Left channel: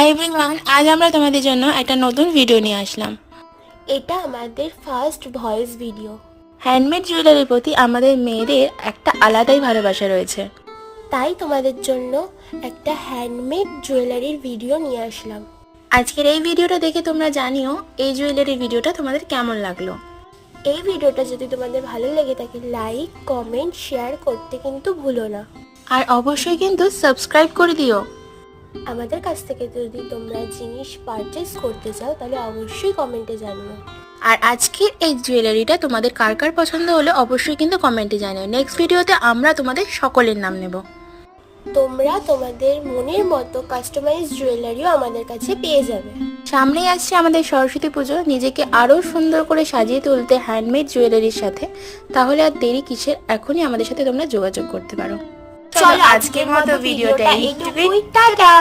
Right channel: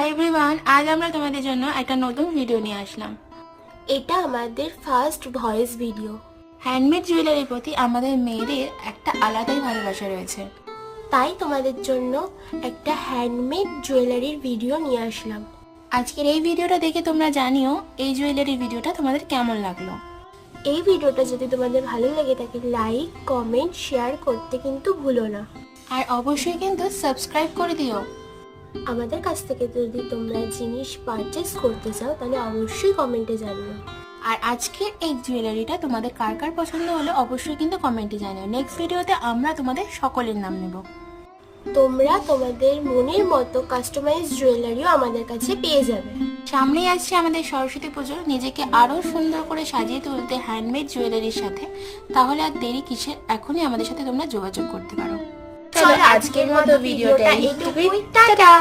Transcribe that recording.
Hi everyone, আজ আমরা তোমাদের জন্য একটা নতুন ভিডিও নিয়ে আসলাম। এটা আমাদের ফার্স্ট ভয়েস ভিডিও। হ্যান্ডমেড জুয়েলারির প্রতি আমাদের মেয়েদের একটা আলাদাই ভালোবাসা রয়েছে, তাই তোমাদের জন্য একটা হ্যান্ডমেড জুয়েলারির ভিডিও নিয়ে আসলাম। আজকের এই ভিডিওটা দেখে তোমরা জানিও এই জুয়েলারির ভিডিওটা তোমাদের কেমন লাগলো। এই ভিডিওটা যদি তোমাদের ভালো লেগে থাকে লাইক, কমেন্ট, শেয়ার করতে কিন্তু ভুলো না। আর অবশ্যই কিন্তু সাবস্ক্রাইব করে দিও। আমাদের কাছ থেকে যদি তোমরা জিনিস পারচেস করতে চাও তাহলে অবশ্যই কমেন্টে জানিও। আর আজকের এই জুয়েলারিটা তোমাদের কার কার পছন্দ হলে অবশ্যই কিন্তু কমেন্টে জানিও। নেক্সট ভিডিওতে আমরা তোমাদের সকলের নাম নেব। তোমরা তোমাদের মনের মতো কাস্টমাইজ জুয়েলারিও আমাদের কাছে পেয়ে যাবে। সামনেই আসছে আমাদের সরস্বতী পুজো, নিজেকে আরো সুন্দর করে সাজিয়ে তুলতে হ্যান্ডমেড জুয়েলারির সাথে, তাহলে আর দেরি কিসের, এখনই আমাদের সাথে তোমরা যোগাযোগ করতে পারো। চলো আজকের মতো ভিডিওটা এইটুকুই, টাটা।